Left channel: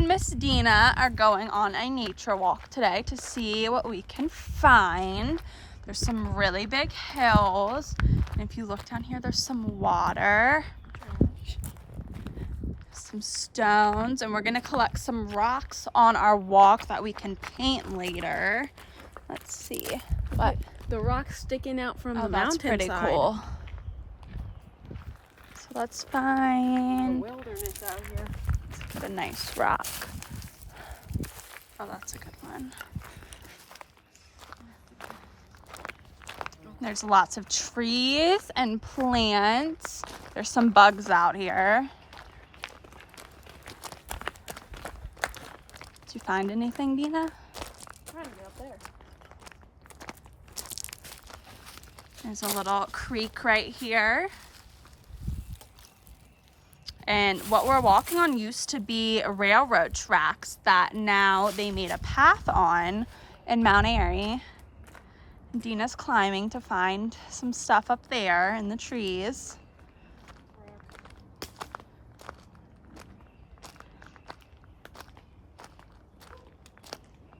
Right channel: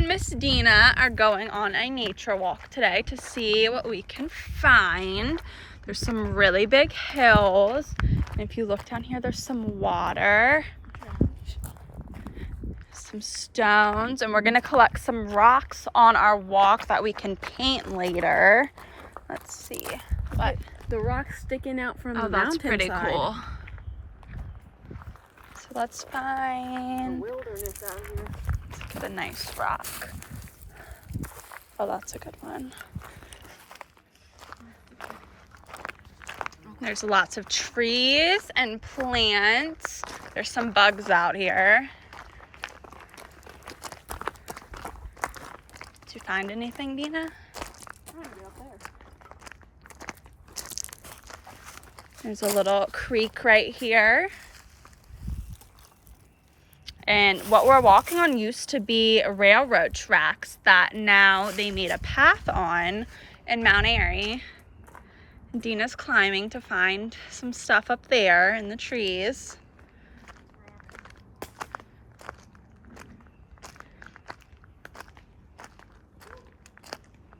and Miss Deena are going on a nature walk today to see what we can find. There's some really big hills, and if you look down here, there's some water, some stones, and we're gonna collect some rocks on our walk that we can paint later. Let's see. But the rocks sticking out from the that's mountainside. pretty cool. So let's find The wilderness out here. let's get a nice rock. Oh, that's a good one. There's lots of trees and plants. There's some bugs out here. Did you find anything, Deena? There's a little creek right here. And what we're walking on used to be railroad tracks that now they made a path on in Mount Airy. Deena's climbing to find some stuff up there in the trees.